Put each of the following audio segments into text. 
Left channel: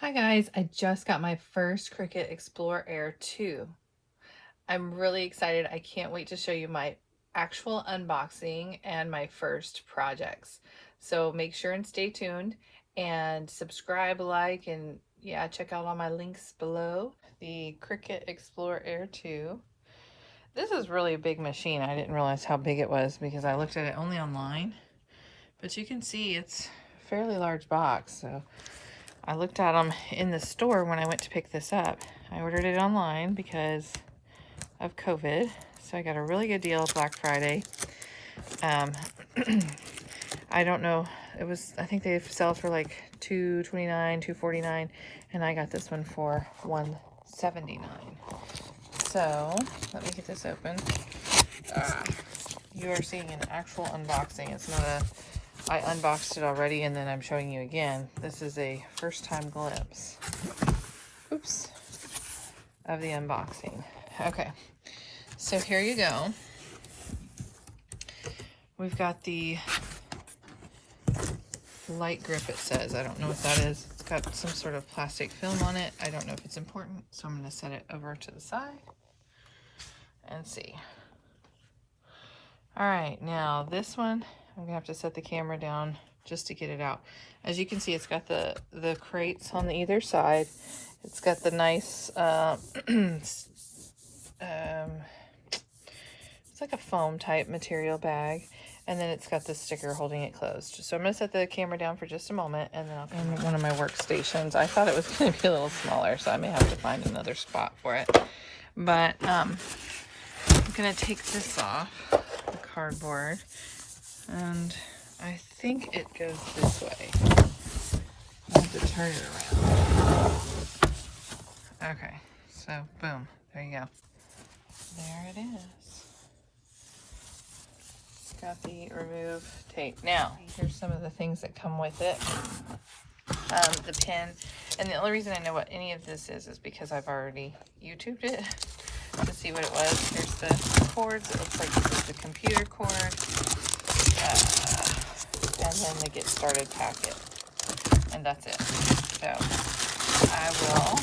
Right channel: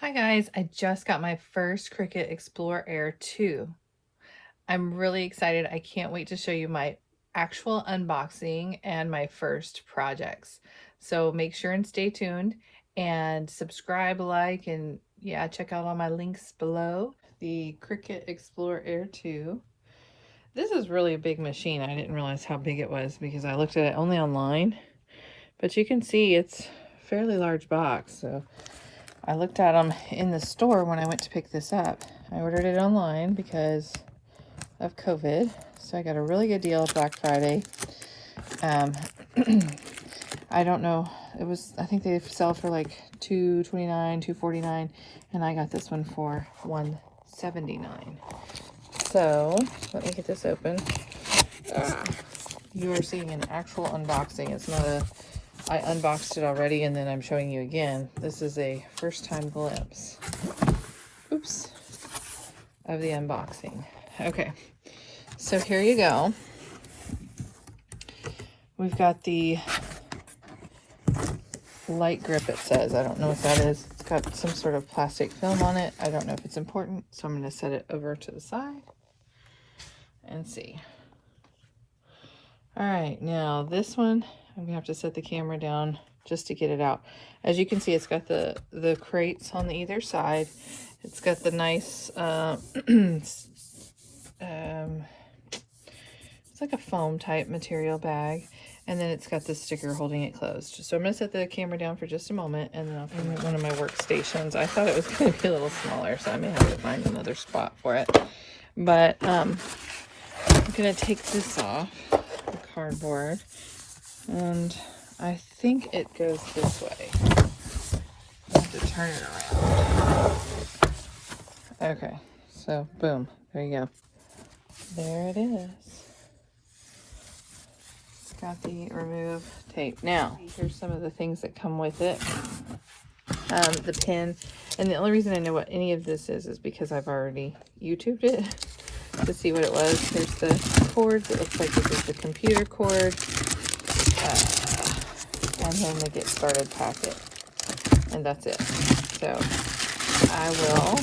Hi guys, I just got my first Cricut Explore Air 2. I'm really excited. I can't wait to show you my actual unboxing and my first projects. So make sure and stay tuned and subscribe, like, and yeah, check out all my links below. The Cricut Explore Air 2. This is really a big machine. I didn't realize how big it was because I looked at it only online, but you can see it's a fairly large box. So I looked at them in the store when I went to pick this up. I ordered it online because of COVID, so I got a really good deal at Black Friday. I don't know, I think they sell for like $2.29, $2.49, and I got this one for $1.79. So let me get this open. You are seeing an actual unboxing. It's not I unboxed it already and then I'm showing you again. This is a first time glimpse. Oops. Of the unboxing. Okay. So here you go. We've got the light grip, it says. I don't know what that is. It's got some sort of plastic film on it. I don't know if it's important, so I'm going to set it over to the side and see. All right, now this one, I'm going to have to set the camera down just to get it out. As you can see, it's got the crates on either side. It's got the nice, it's like a foam type material bag. And then it's got the sticker holding it closed. So I'm going to set the camera down for just a moment, and then I'll come to one of my workstations. I thought it was going to be a little smaller, so I may have to find another spot for it. But I'm going to take this off, the cardboard, and I think it goes this way. I have to turn it around. Okay, so boom, there you go. There it is. Got the remove tape. Now, here's some of the things that come with it. The pin. And the only reason I know what any of this is because I've already YouTubed it to see what it was. There's the cords. It looks like this is the computer cord. And then the get started packet. And that's it. So I will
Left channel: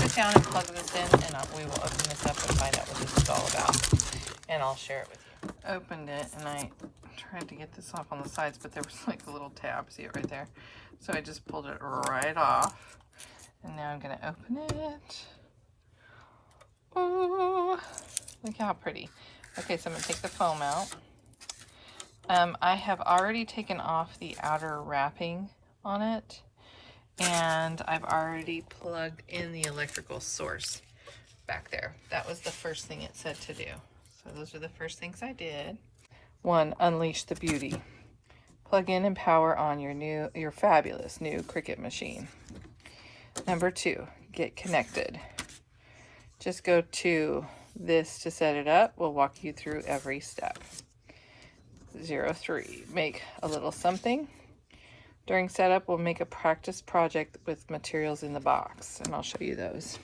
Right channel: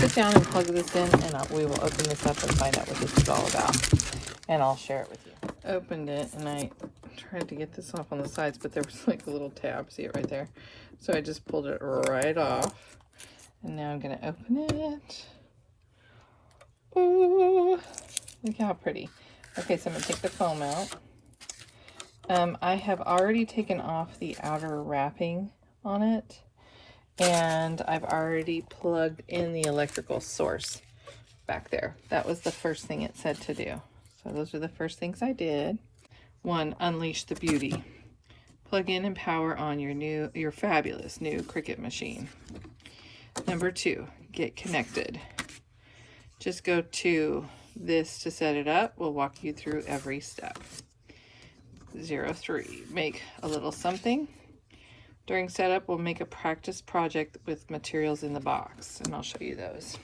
sit down and plug this in, and we will open this up and find out what this is all about. And I'll share it with you. Opened it and I tried to get this off on the sides, but there was like a little tab, see it right there, so I just pulled it right off, and now I'm gonna open it. Ooh, look how pretty. Okay, so I'm gonna take the foam out. I have already taken off the outer wrapping on it, and I've already plugged in the electrical source back there. That was the first thing it said to do. So those are the first things I did. 1, unleash the beauty. Plug in and power on your fabulous new Cricut machine. Number 2, get connected. Just go to this to set it up. We'll walk you through every step. 03, make a little something. During setup, we'll make a practice project with materials in the box, and I'll show you those.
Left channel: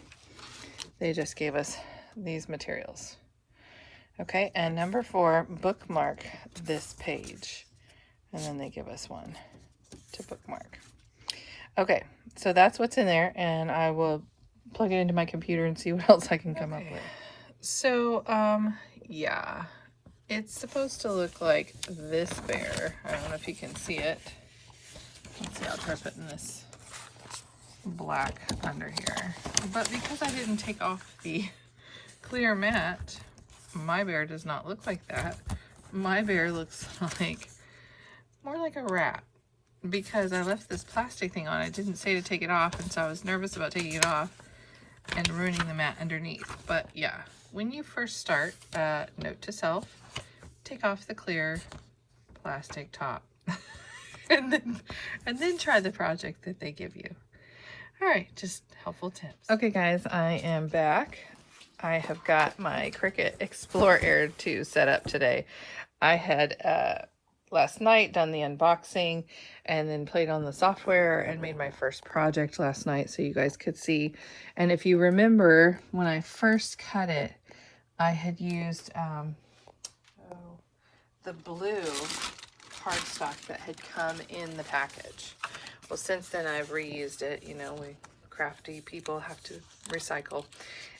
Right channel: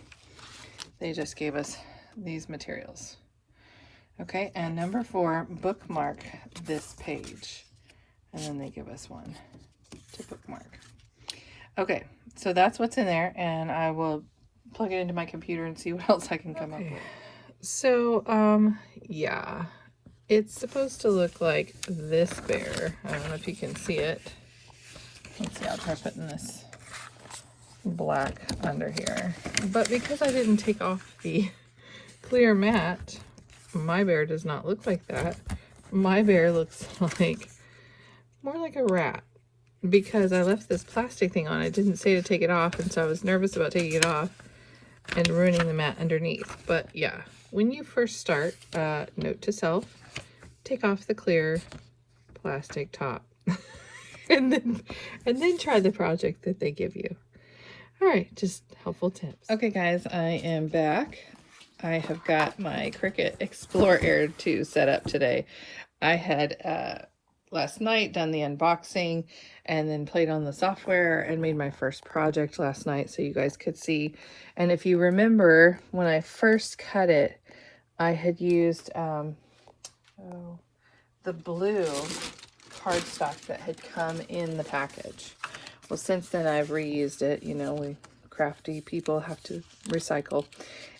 They just gave us these materials. Okay, and number 4, bookmark this page. And then they give us one to bookmark. Okay, so that's what's in there, and I will plug it into my computer and see what else I can come up with. So, yeah, it's supposed to look like this bear. I don't know if you can see it. Let's see, I'll try putting this black under here. But because I didn't take off the clear mat, my bear does not look like that. My bear looks like more like a rat, because I left this plastic thing on. It didn't say to take it off, and so I was nervous about taking it off and ruining the mat underneath. But yeah, when you first start, note to self, take off the clear plastic top and then try the project that they give you. All right, just helpful tips. Okay guys, I am back. I have got my Cricut Explore Air 2 set up today. I had last night done the unboxing and then played on the software and made my first project last night so you guys could see. And if you remember, when I first cut it, I had used the blue cardstock that had come in the package. Well, since then I've reused it. You know, we crafty people have to recycle.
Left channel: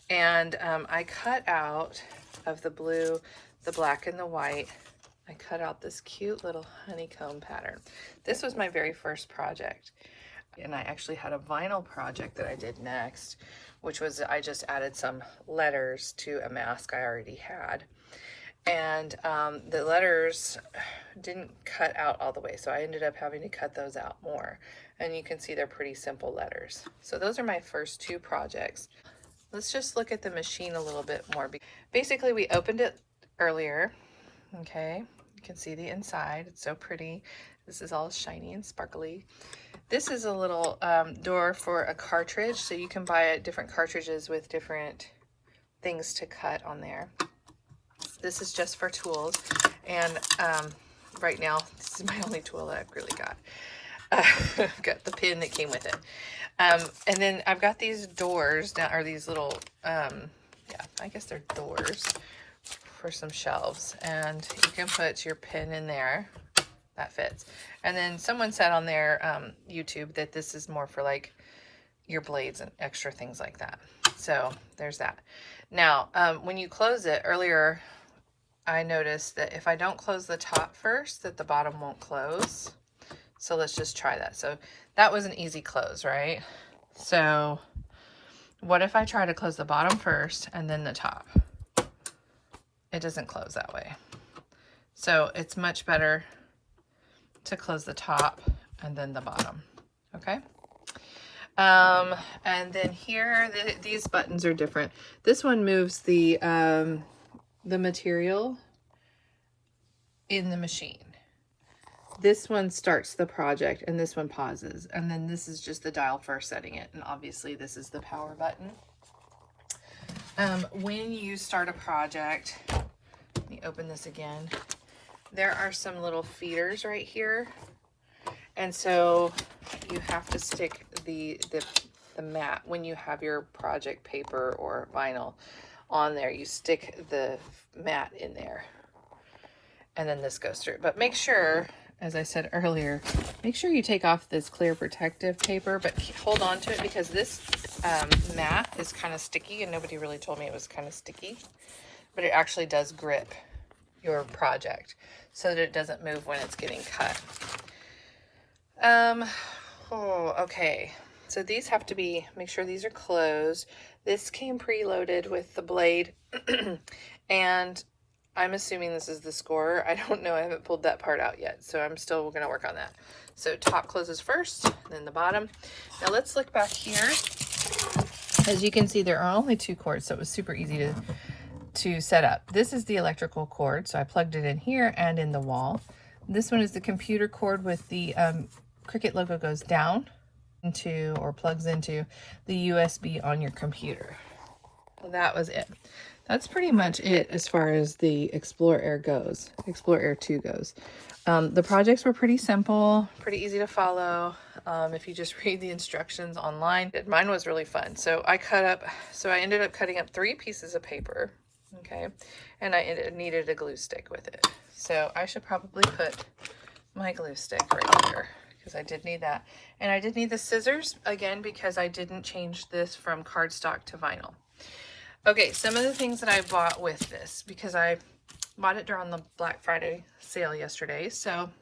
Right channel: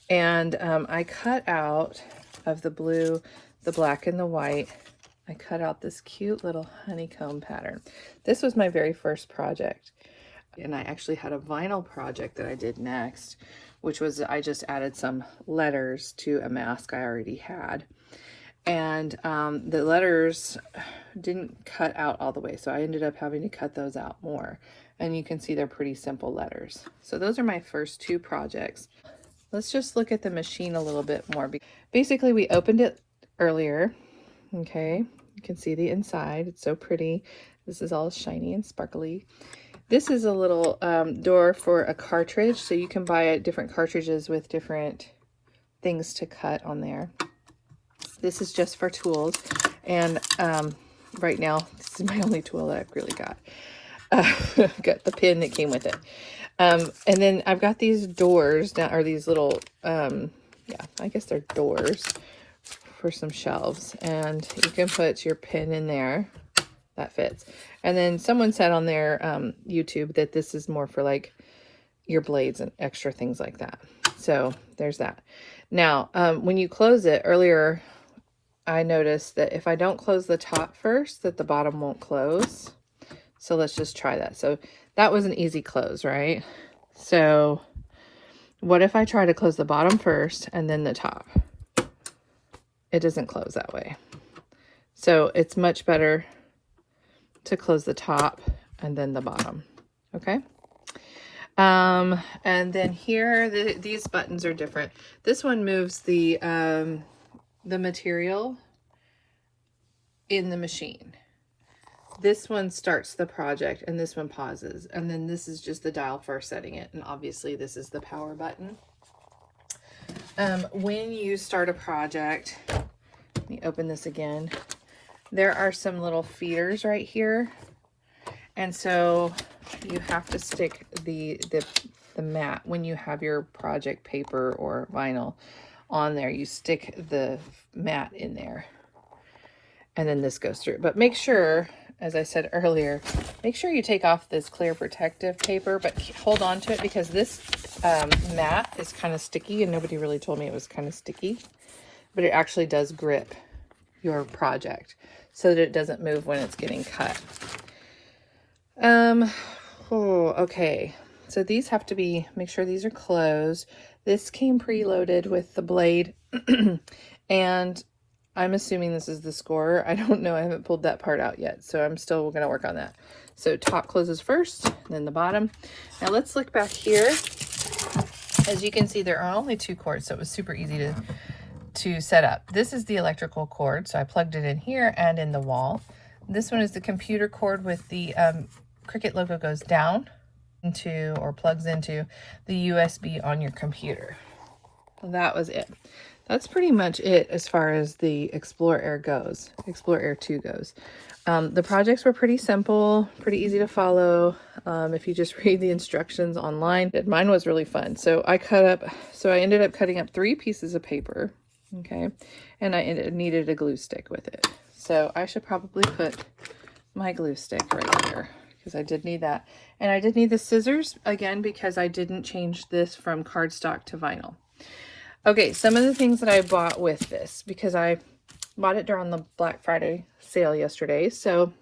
And I cut out of the blue, the black, and the white, I cut out this cute little honeycomb pattern. This was my very first project. And I actually had a vinyl project that I did next, which was I just added some letters to a mask I already had. And the letters didn't cut out all the way, so I ended up having to cut those out more. And you can see they're pretty simple letters. So those are my first two projects. Let's just look at the machine a little bit more. Basically, we opened it earlier. Okay, you can see the inside. It's so pretty. This is all shiny and sparkly. This is a little door for a cartridge, so you can buy different cartridges with different things to cut on there. This is just for tools, and right now, this is my only tool that I've really got. I've got the pin that came with it. And then I've got these doors down, or these little, yeah, I guess they're doors for some shelves, and you can put your pin in there. That fits. And then someone said on their YouTube that this is more for like your blades and extra things like that. So there's that. Now, when you close it, earlier I noticed that if I don't close the top first, that the bottom won't close. So let's just try that. So that was an easy close, right? So what if I try to close the bottom first and then the top? It doesn't close that way. So it's much better to close the top and then the bottom. Okay. And then here, these buttons are different. This one moves the material in the machine. This one starts the project and this one pauses. And then this is just the dial for setting it. And obviously this is the power button. When you start a project, let me open this again. There are some little feeders right here. And so you have to stick the mat when you have your project paper or vinyl on there. You stick the mat in there. And then this goes through. But make sure, as I said earlier, make sure you take off this clear protective paper, but hold on to it because this mat is kind of sticky, and nobody really told me it was kind of sticky, but it actually does grip your project so that it doesn't move when it's getting cut. Okay, so these have to be, make sure these are closed. This came preloaded with the blade and I'm assuming this is the scorer. I don't know, I haven't pulled that part out yet, so I'm still gonna work on that. So top closes first, then the bottom. Now let's look back here. As you can see, there are only two cords, so it was super easy to set up. This is the electrical cord, so I plugged it in here and in the wall. This one is the computer cord with the Cricut logo goes down into, or plugs into, the USB on your computer. Well, that was it. That's pretty much it as far as the Explore Air goes, Explore Air 2 goes. The projects were pretty simple, pretty easy to follow. If you just read the instructions online. Mine was really fun. So I ended up cutting up 3 pieces of paper, okay? And I needed a glue stick with it. So I should probably put my glue stick right here because I did need that. And I did need the scissors, again, because I didn't change this from cardstock to vinyl. Okay, some of the things that I bought with this, because I bought it during the Black Friday sale yesterday. So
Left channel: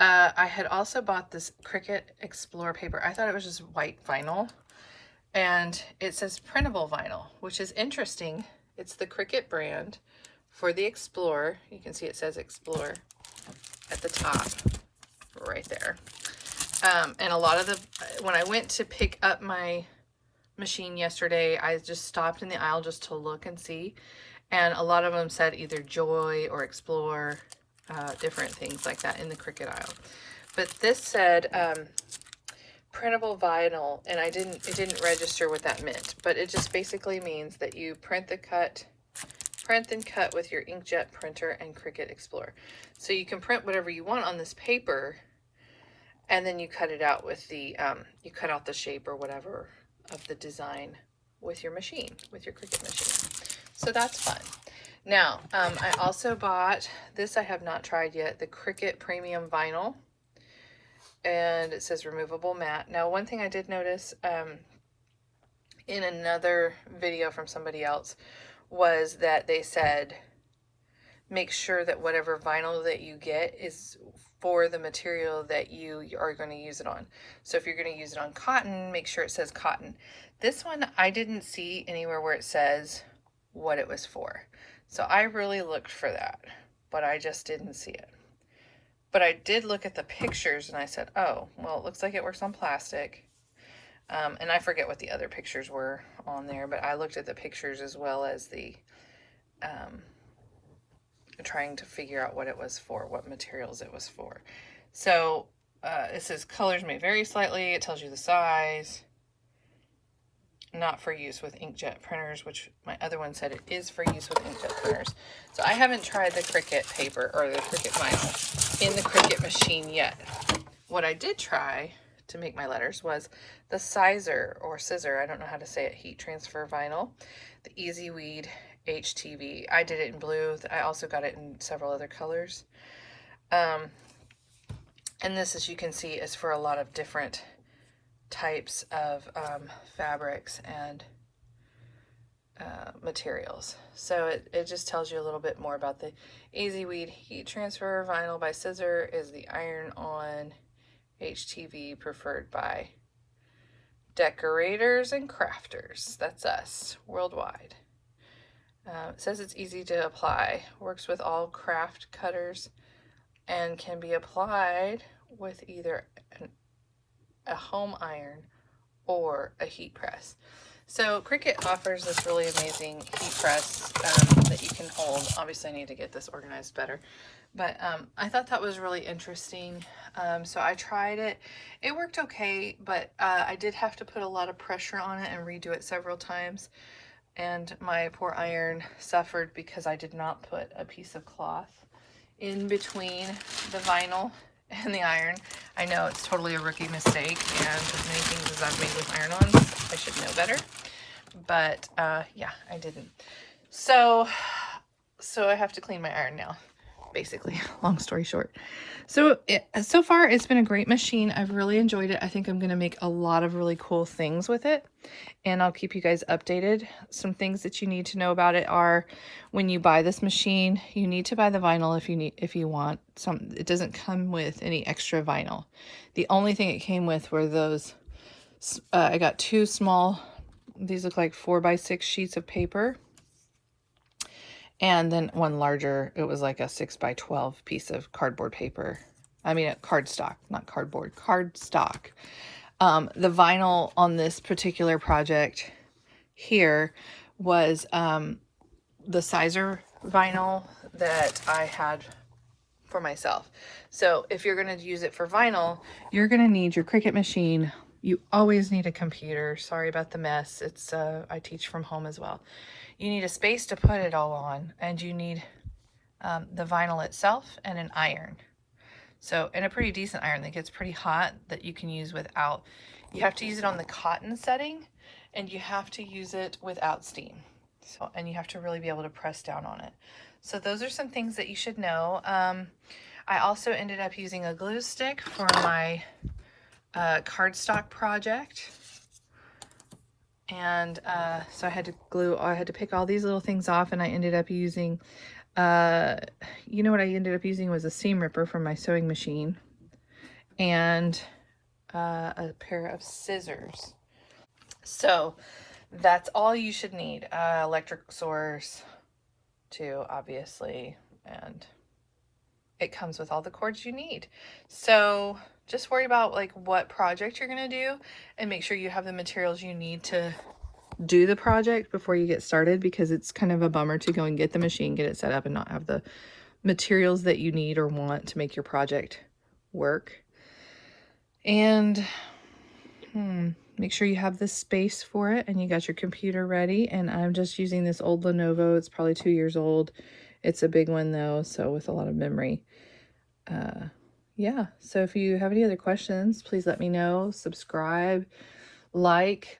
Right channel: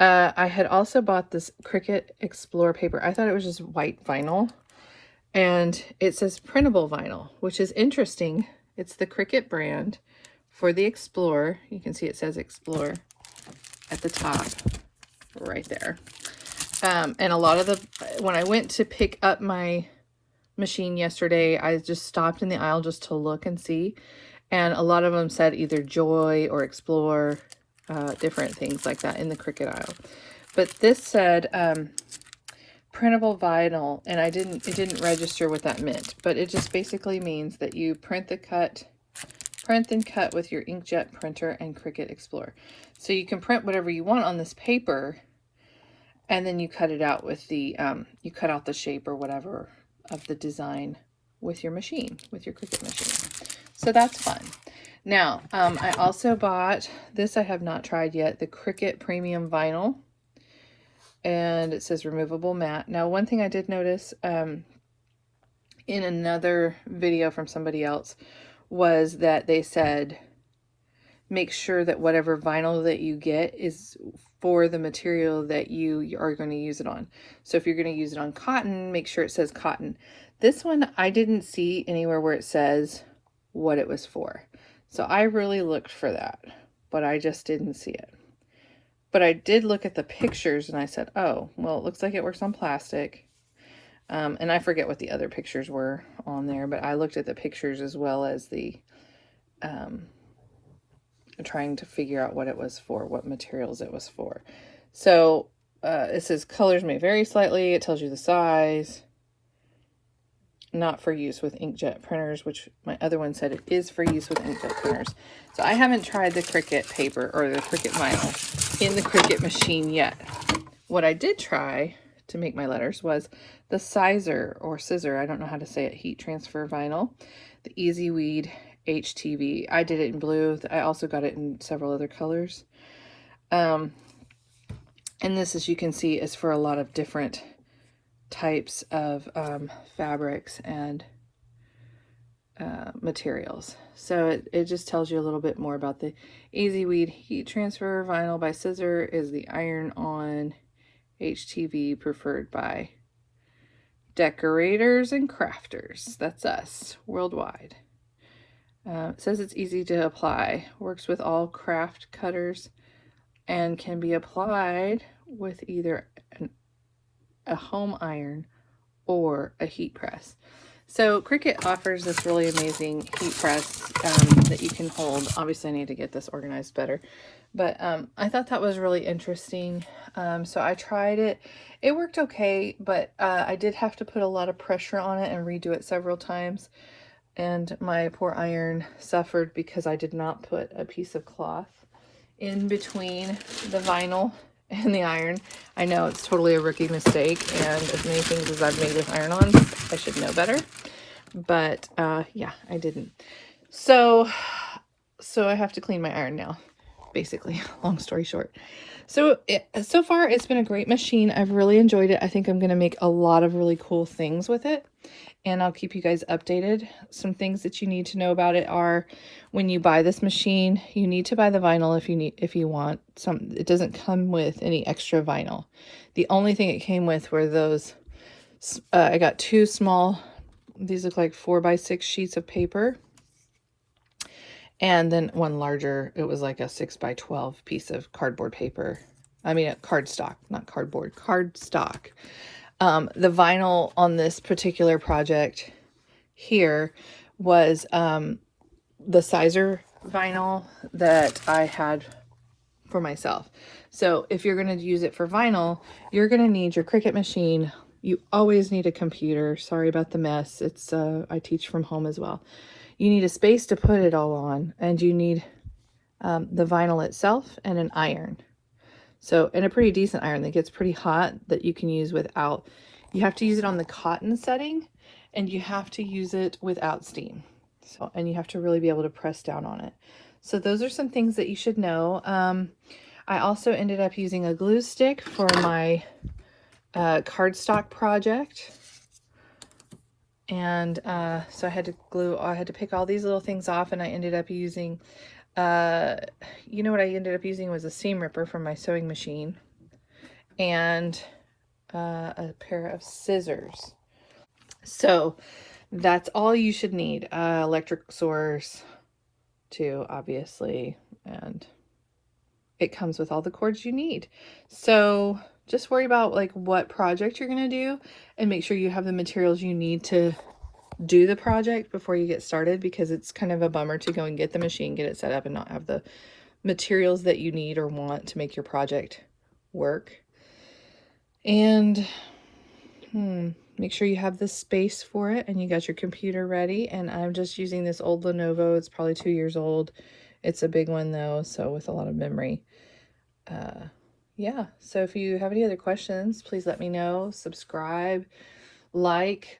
I had also bought this Cricut Explore paper. I thought it was just white vinyl, and it says printable vinyl, which is interesting. It's the Cricut brand for the Explore. You can see it says Explore at the top right there. And a lot of when I went to pick up my machine yesterday, I just stopped in the aisle just to look and see, and a lot of them said either Joy or Explore, different things like that in the Cricut aisle. But this said printable vinyl, and it didn't register what that meant, but it just basically means that you print and cut with your inkjet printer and Cricut Explore. So you can print whatever you want on this paper, and then you cut it out with the you cut out the shape or whatever of the design with your machine, with your Cricut machine. So that's fun. Now, I also bought this. I have not tried yet, the Cricut Premium Vinyl. and it says removable mat. Now, one thing I did notice in another video from somebody else was that they said make sure that whatever vinyl that you get is for the material that you are going to use it on. So if you're going to use it on cotton, make sure it says cotton. This one, I didn't see anywhere where it says what it was for. So I really looked for that, but I just didn't see it. But I did look at the pictures and I said, oh, well, it looks like it works on plastic. And I forget what the other pictures were on there, but I looked at the pictures as well as the trying to figure out what it was for, what materials it was for. So it says colors may vary slightly. It tells you the size. Not for use with inkjet printers, which my other one said it is for use with inkjet printers. So I haven't tried the Cricut paper or the Cricut vinyl in the Cricut machine yet. What I did try to make my letters was the sizer or scissor, I don't know how to say it, heat transfer vinyl, the Easy Weed HTV. I did it in blue. I also got it in several other colors. And this, as you can see, is for a lot of different types of fabrics and materials. So it just tells you a little bit more about the Easy Weed heat transfer vinyl by scissor is the iron-on HTV preferred by decorators and crafters. That's us worldwide. It says it's easy to apply, works with all craft cutters, and can be applied with either a home iron or a heat press. So Cricut offers this really amazing heat press that you can hold. Obviously I need to get this organized better, but I thought that was really interesting. So I tried it. It worked okay, but I did have to put a lot of pressure on it and redo it several times. And my poor iron suffered because I did not put a piece of cloth in between the vinyl and the iron. I know it's totally a rookie mistake, and as many things as I've made with iron-ons, I should know better. But yeah, I didn't. So I have to clean my iron now, basically, long story short. So so far, it's been a great machine. I've really enjoyed it. I think I'm going to make a lot of really cool things with it, and I'll keep you guys updated. Some things that you need to know about it are, when you buy this machine, you need to buy the vinyl if you want some. It doesn't come with any extra vinyl. The only thing it came with were those. I got two small. These look like 4x6 sheets of paper, and then one larger. It was like a 6x12 piece of cardboard paper. I mean, cardstock, not cardboard, cardstock. The vinyl on this particular project here was the sizer vinyl that I had for myself. So if you're going to use it for vinyl, you're going to need your Cricut machine. You always need a computer. Sorry about the mess. It's I teach from home as well. You need a space to put it all on, and you need the vinyl itself and an iron. So, and a pretty decent iron that gets pretty hot that you can use without. You have to use it on the cotton setting, and you have to use it without steam. So, and you have to really be able to press down on it. So those are some things that you should know. I also ended up using a glue stick for my cardstock project. And so I had to pick all these little things off, and I ended up using, you know what I ended up using was a seam ripper from my sewing machine, and a pair of scissors. So that's all you should need. Electric source too, obviously, and it comes with all the cords you need. So just worry about like what project you're going to do, and make sure you have the materials you need to do the project before you get started, because it's kind of a bummer to go and get the machine, get it set up, and not have the materials that you need or want to make your project work. And make sure you have the space for it, and you got your computer ready. And I'm just using this old Lenovo. It's probably 2 years old. It's a big one though, so with a lot of memory. Yeah, so if you have any other questions, please let me know. Subscribe, like,